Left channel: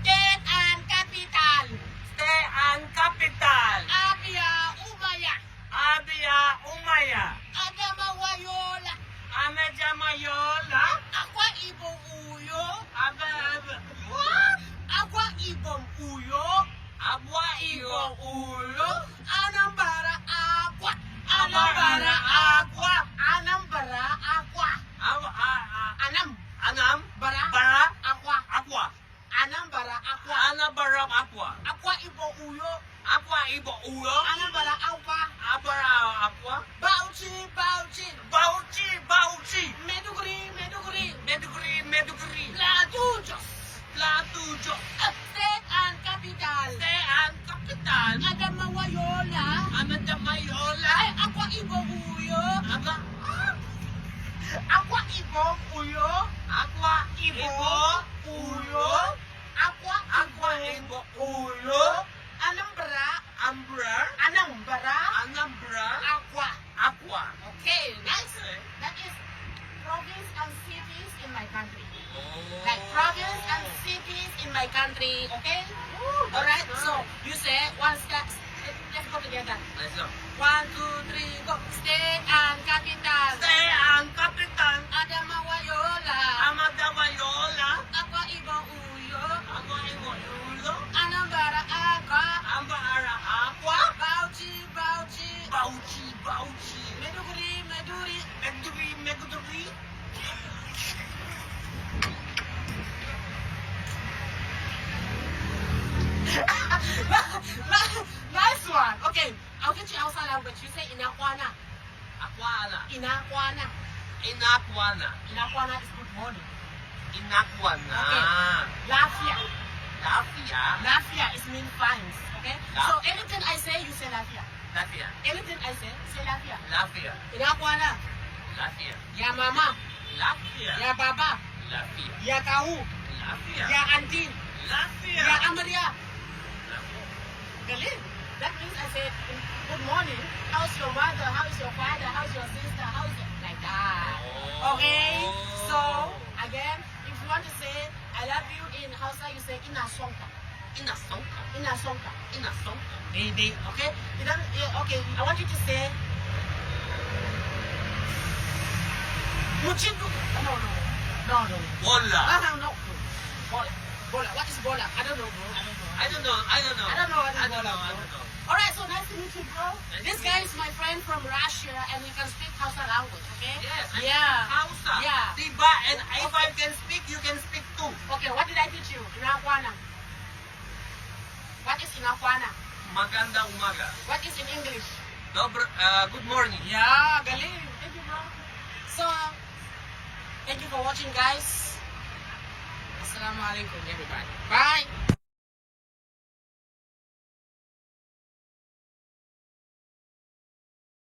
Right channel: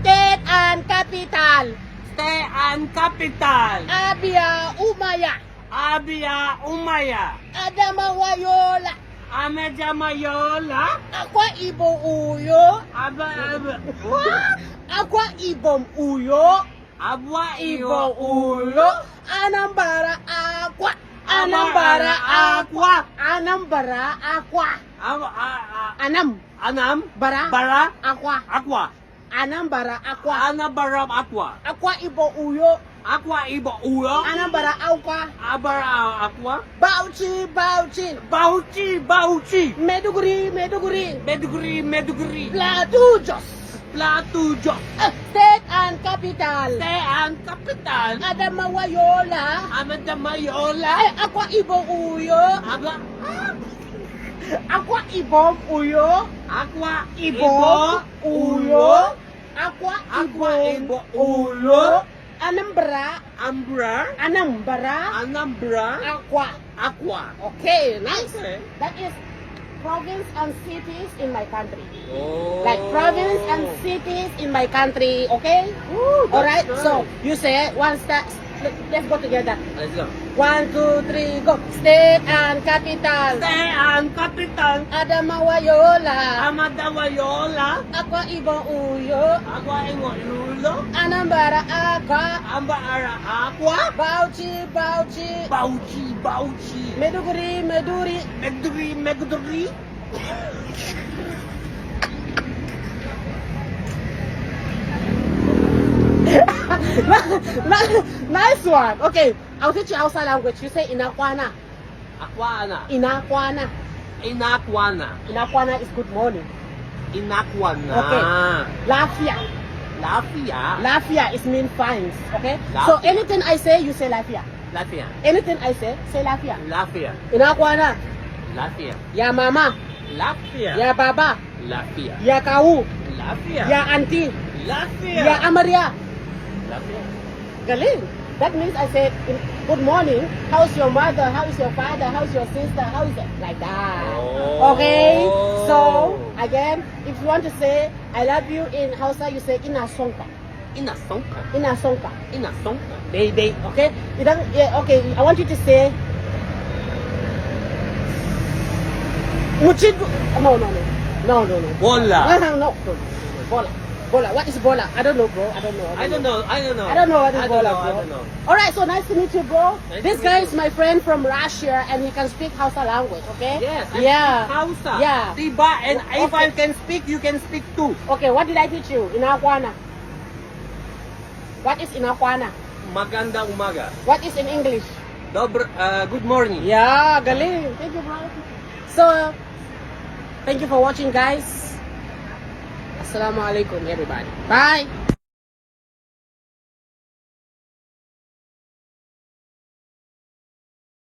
State and capital. State and capital. Abia Umaya. Abia Umaya. Adamawayola. Amejamayola. Akwa Ibom Uyo. What? Akwa Ibom Uyo. Abwa Ibom Ibo Uyo. Anambra Aqua. Anambra Aqua. Anambra Aqua. Anam. Anam. Bara. Bara. Aqua. Aqua. Anambra Aqua. Anambra Aqua. Akwa Ibom Uyo. Aqua Ibo Uyo. Anambra Aqua. Abara Aqua. Bauchi. Bauchi. Bauchi. Meduguri. Meduguri. Plateau Jos. Plateau Jos. State and capital. State and capital. Adamawayola. Amejamayola. Akwa Ibom Uyo. Akwa Ibom Uyo. Aqua Ibom Uyo. Aqua Aqua Ibom Ibo Uyo. Anambra. Anambra. Aqua. Okay, nice. Okay. That is province and cities in my country. Oh. Like province and cities in my country, okay? Ooh, All right, nice. so you say one start. Let's go together. Let's go. 1, 2, 3, go. State and capital. State and capital. Adamawayola. Amadawayola. Akwa Ibom Uyo. Aqua Ibo Uyo. Anambra Aqua. Ambara Aqua. Bauchi. Bauchi. Meduguri. Meduguri. Nice one. Okay, I'll teach you Hausa language. You say Inakwana. Aquana. Inakwana. Inakwana is good morning. Inakwana. Okay. Lafia. Lafia is mean fines. Okay. So Lafia. anything I say, you say Lafia. Lafia. Anything I say Lafia. Lafia. Inakwana. Lafia. Ya mama. Lafia. Ya baba. Lafia. Ya kau. Lafia. Ya auntie. Lafia. Ya amaria. Lafia. Galing. That means I said, good morning. How's your mother? How is your father? How's your sister? How is it? Like that. Oh. Okay. So again, if you want to say I love you in Hausa, you say Inasonka. Inasonka. They. Okay. You don't. Yeah, okay. I want you to say. Muchidu. No. Bola. No. Bola. What is bola? I don't know, bro. I don't know what is bola, bro. All right, so nice to meet you, bro. This guy is my friend from Russia, and he can speak Hausa language. Okay? Yes. I Yeah. speak Hausa. Yeah. Diba? And if Okay. I can speak, you can speak too. Okay. What did I teach you? Inakwana. What is Inakwana? Maganda umaga. What is in English? Good morning. Yeah, galing. Thank you, bro. So, thank you for watching, guys. Assalamu alaikum, everybody. Bye.